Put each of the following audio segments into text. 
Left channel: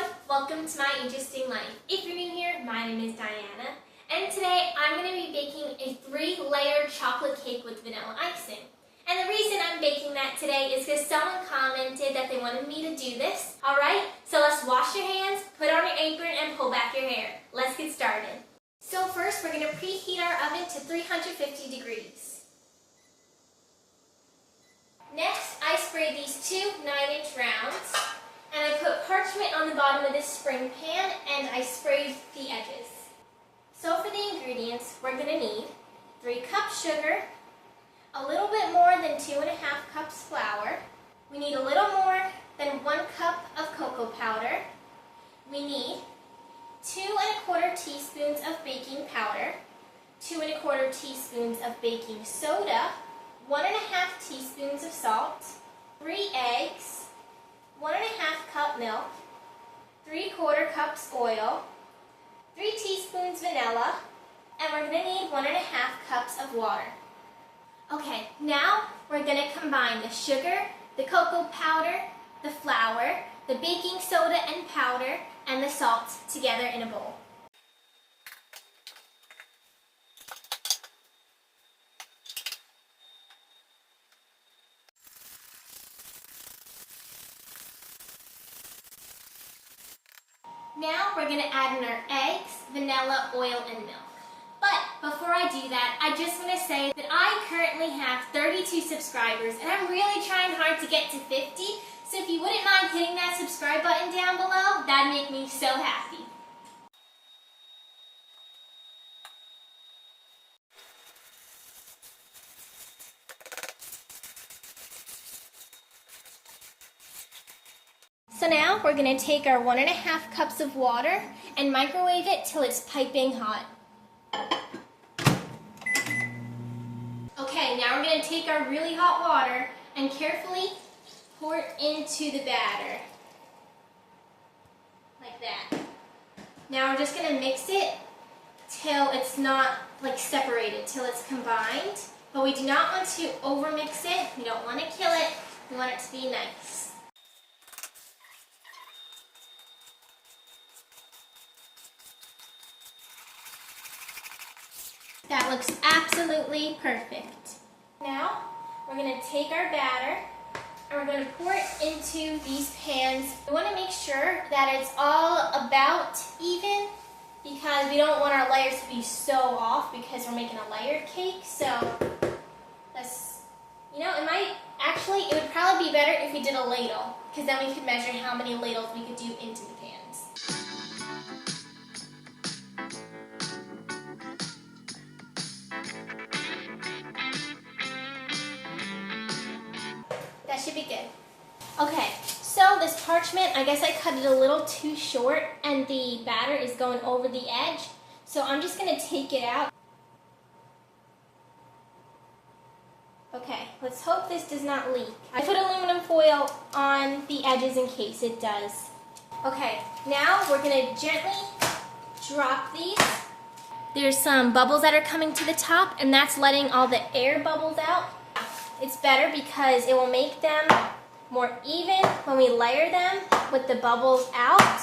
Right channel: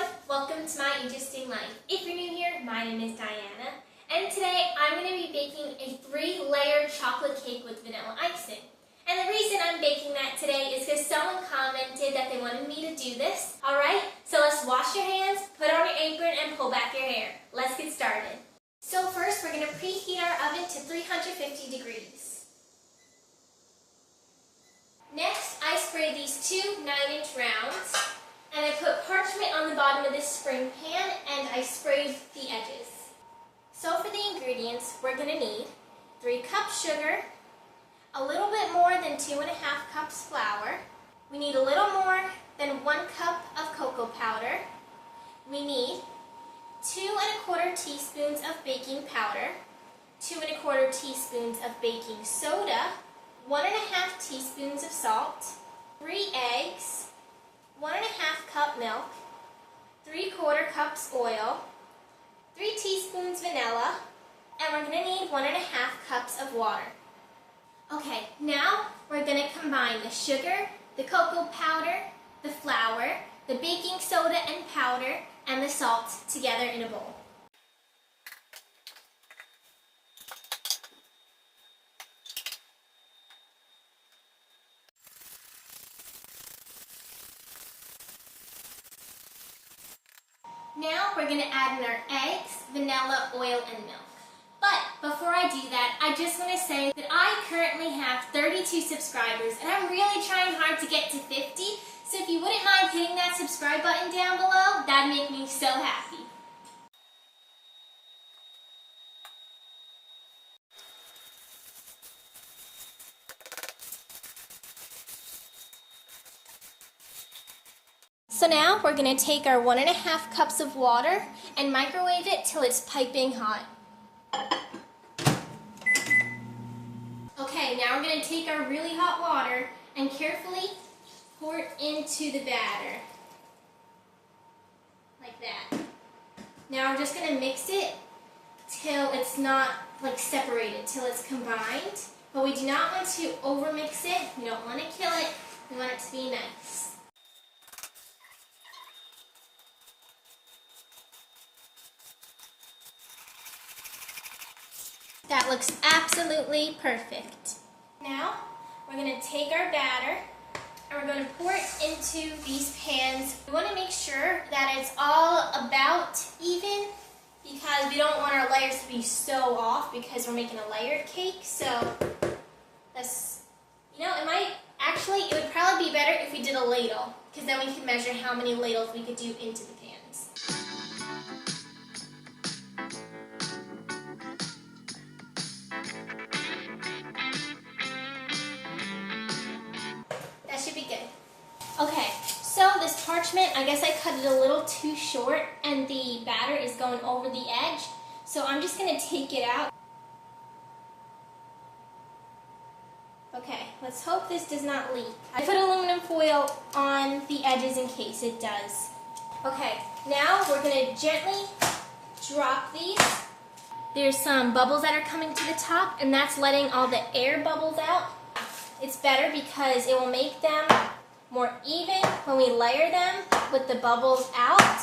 everyone, welcome to my interesting life. If you're new here, my name is Diana, and today I'm going to be baking a 3-layered chocolate cake with vanilla icing. And the reason I'm baking that today is because someone commented that they wanted me to do this. Alright, so let's wash your hands, put on your apron, and pull back your hair. Let's get started. So first, we're going to preheat our oven to 350 degrees. Next, I sprayed these 2 9-inch rounds. And I put parchment on the bottom of this spring pan, and I sprayed the edges. So for the ingredients, we're going to need 3 cups sugar, a little bit more than 2.5 cups flour. We need a little more than 1 cup of cocoa powder. We need 2¼ teaspoons of baking powder, 2¼ teaspoons of baking soda, 1½ teaspoons of salt, 3 eggs, 1½ cup milk, 3/4 cups oil, 3 teaspoons vanilla, and we're going to need 1½ cups of water. Okay, now we're going to combine the sugar, the cocoa powder, the flour, the baking soda and powder, and the salt together in a bowl. Now we're going to add in our eggs, vanilla, oil, and milk. But before I do that, I just want to say that I currently have 32 subscribers, and I'm really trying hard to get to 50. So if you wouldn't mind hitting that subscribe button down below, that'd make me so happy. So now we're going to take our 1½ cups of water and microwave it till it's piping hot. Okay, now we're going to take our really hot water and carefully pour it into the batter. Like that. Now we're just going to mix it till it's not separated, till it's combined. But we do not want to overmix it. We don't want to kill it. We want it to be nice. That looks absolutely perfect. Now, we're going to take our batter and we're going to pour it into these pans. We want to make sure that it's all about even because we don't want our layers to be so off because we're making a layered cake. So, let's, it would probably be better if we did a ladle because then we could measure how many ladles we could do into the pans. Should be good. Okay, so this parchment, I guess I cut it a little too short and the batter is going over the edge. So I'm just going to take it out. Okay, let's hope this does not leak. I put aluminum foil on the edges in case it does. Okay, now we're going to gently drop these. There's some bubbles that are coming to the top and that's letting all the air bubbles out. It's better because it will make them more even when we layer them with the bubbles out.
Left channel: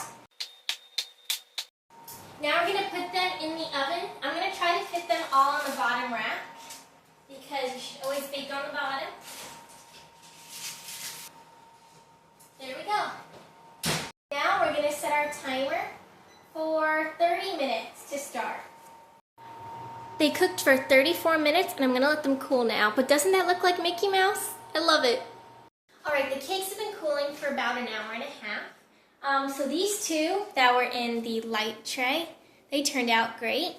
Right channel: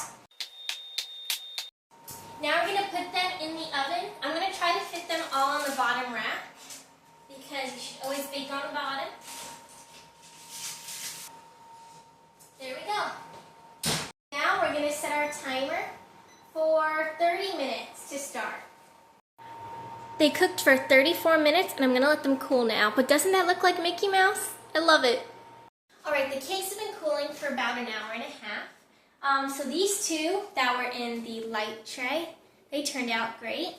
Now we're going to put them in the oven. I'm going to try to fit them all on the bottom rack because you should always bake on the bottom. There we go. Now we're going to set our timer for 30 minutes to start. They cooked for 34 minutes, and I'm going to let them cool now. But doesn't that look like Mickey Mouse? I love it. Alright, the cakes have been cooling for about an hour and a half. So these 2 that were in the light tray, they turned out great.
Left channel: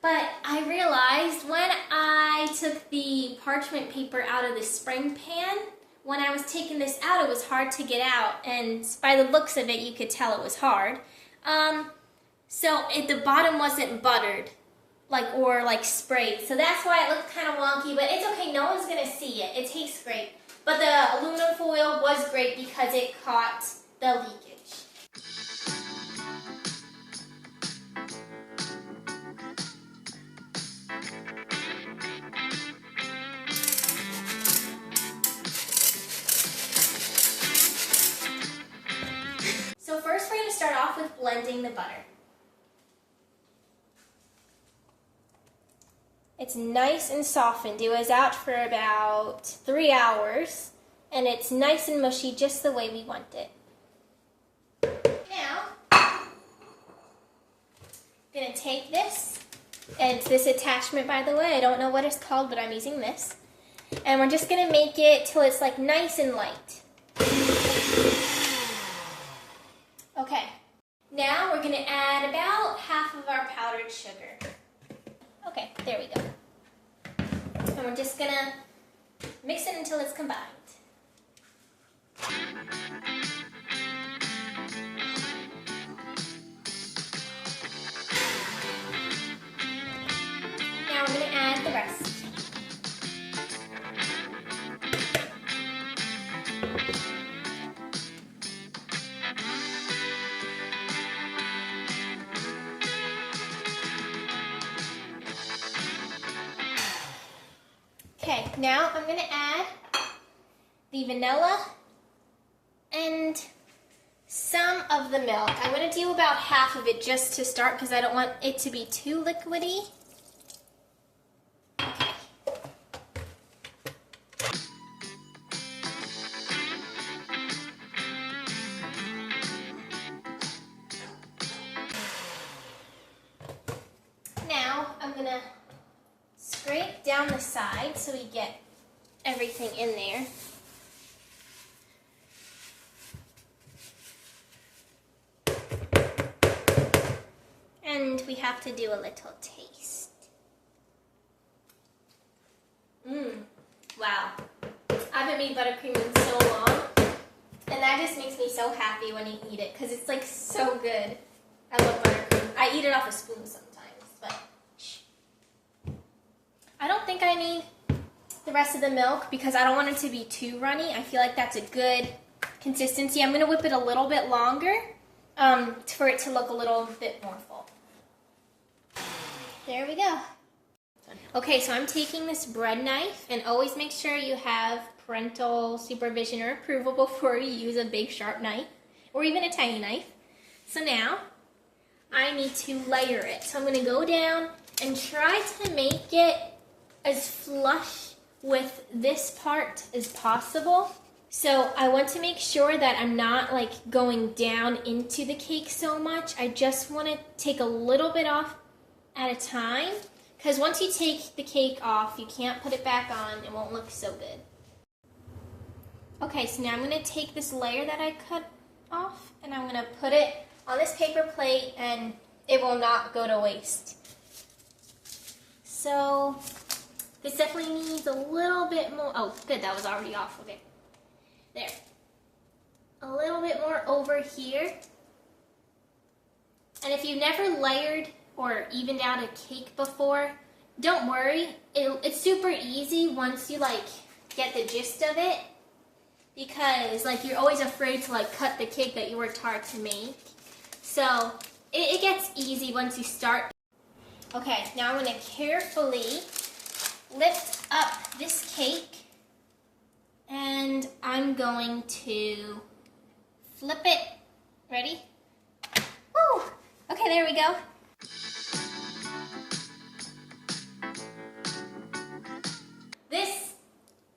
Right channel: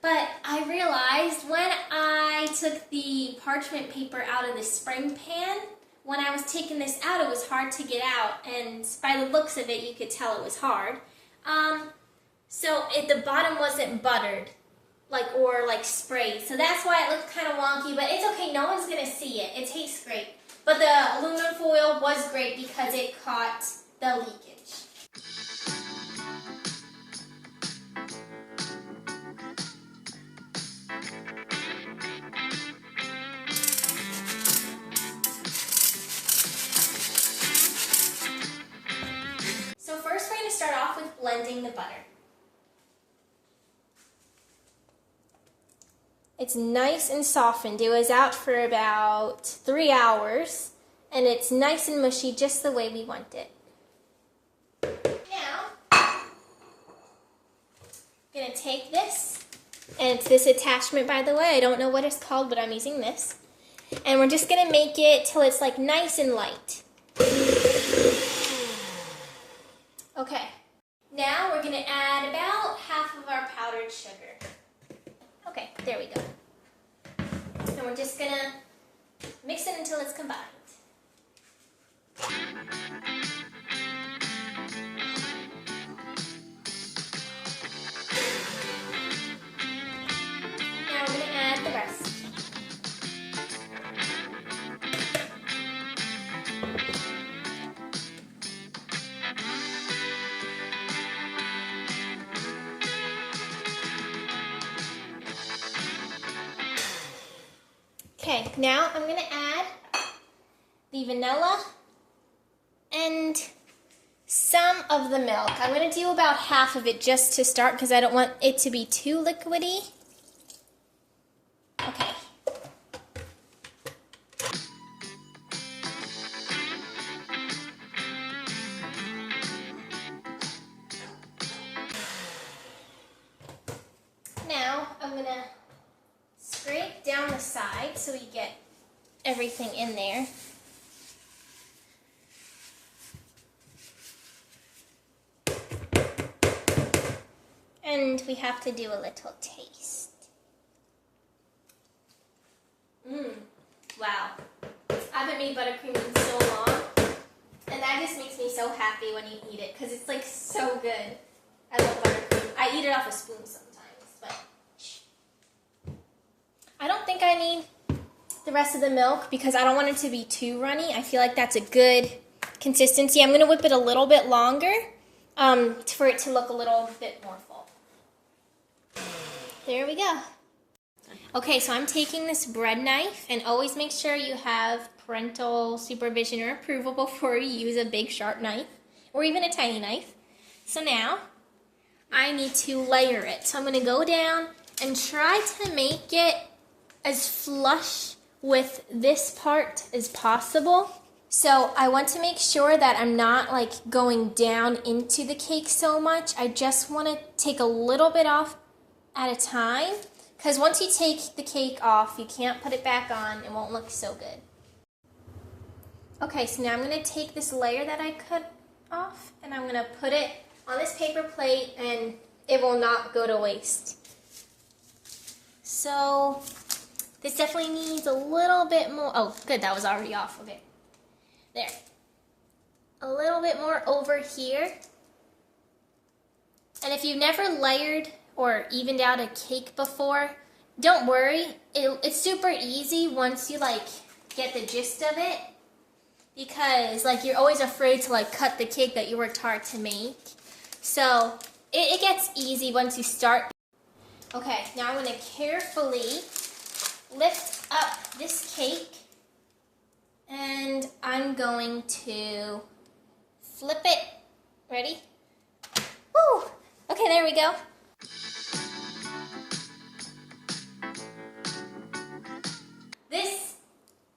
But I realized when I took the parchment paper out of the spring pan, when I was taking this out, it was hard to get out. And by the looks of it, you could tell it was hard. So the bottom wasn't buttered. Or sprayed. So that's why it looked kind of wonky, but it's okay, no one's going to see it. It tastes great. But the aluminum foil was great because it caught the leakage. So first we're going to start off with blending the butter. It's nice and softened. It was out for about 3 hours, and it's nice and mushy just the way we want it. Now, I'm going to take this, and it's this attachment, by the way. I don't know what it's called, but I'm using this. And we're just going to make it till it's like nice and light. Okay, now we're going to add about half of our powdered sugar. Okay, there we go. And we're just going to mix it until it's combined. Now we're going to add the rest. Okay, now I'm going to add the vanilla and some of the milk. I'm going to do about half of it just to start because I don't want it to be too liquidy. Okay. Now I'm going to scrape down the side so we get everything in there. And we have to do a little taste. Wow. I haven't made buttercream in so long. And that just makes me so happy when you eat it because it's like so good. I love buttercream. I eat it off a spoon sometimes, but I don't think I need the rest of the milk because I don't want it to be too runny. I feel like that's a good consistency. I'm going to whip it a little bit longer for it to look a little bit more full. There we go. Okay, so I'm taking this bread knife, and always make sure you have parental supervision or approval before you use a big sharp knife or even a tiny knife. So now I need to layer it. So I'm going to go down and try to make it as flush with this part as possible. So I want to make sure that I'm not like going down into the cake so much. I just want to take a little bit off at a time because once you take the cake off, you can't put it back on. It won't look so good. Okay, so now I'm going to take this layer that I cut off and I'm going to put it on this paper plate and it will not go to waste. So this definitely needs a little bit more. Oh, good, that was already off. Okay, there. A little bit more over here. And if you've never layered or evened out a cake before, don't worry. It's super easy once you like get the gist of it, because like you're always afraid to like cut the cake that you worked hard to make. So it gets easy once you start. Okay, now I'm going to carefully lift up this cake and I'm going to flip it. Ready? Woo! Okay, there we go. This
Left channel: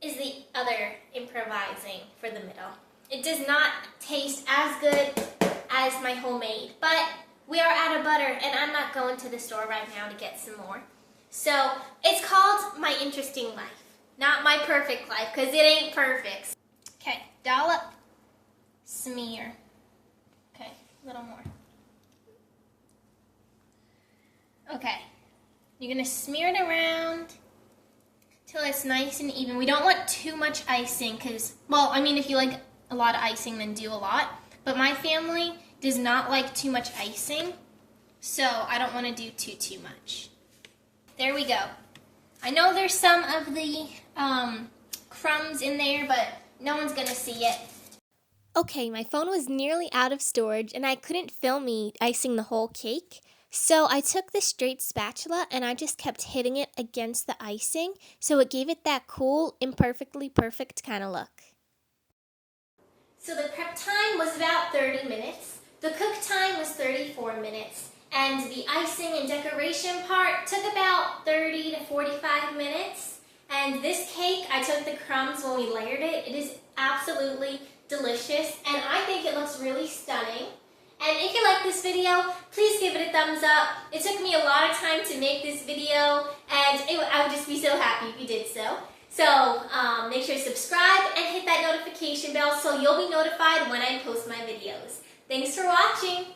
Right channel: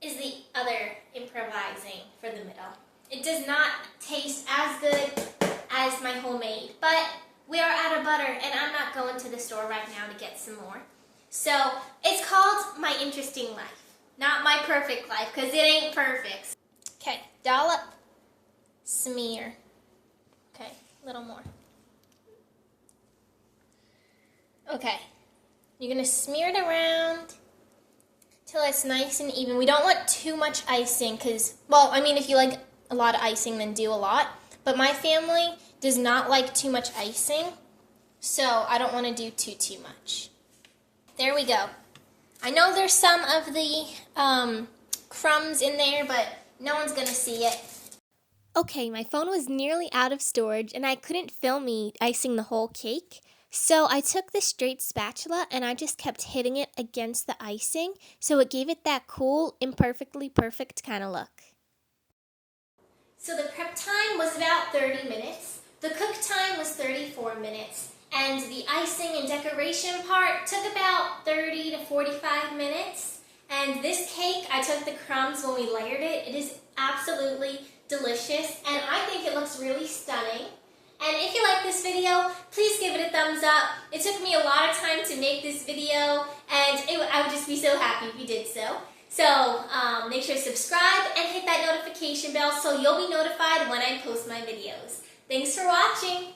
is the other improvising for the middle. It does not taste as good as my homemade, but we are out of butter and I'm not going to the store right now to get some more. So it's called My Interesting Life, not My Perfect Life, because it ain't perfect. Okay, dollop, smear. Okay, a little more. Okay, you're going to smear it around till it's nice and even. We don't want too much icing because, well, I mean, if you like a lot of icing, then do a lot. But my family does not like too much icing, so I don't want to do too much. There we go. I know there's some of the crumbs in there, but no one's going to see it. Okay, my phone was nearly out of storage and I couldn't film me icing the whole cake. So I took this straight spatula and I just kept hitting it against the icing so it gave it that cool, imperfectly perfect kind of look. So the prep time was about 30 minutes. The cook time was 4 minutes. And the icing and decoration part took about 30 to 45 minutes. And this cake, I took the crumbs when we layered it. It is absolutely delicious, and I think it looks really stunning. And if you like this video, please give it a thumbs up. It took me a lot of time to make this video, and I would just be so happy if you did so. So make sure to subscribe and hit that notification bell so you'll be notified when I post my videos. Thanks for watching.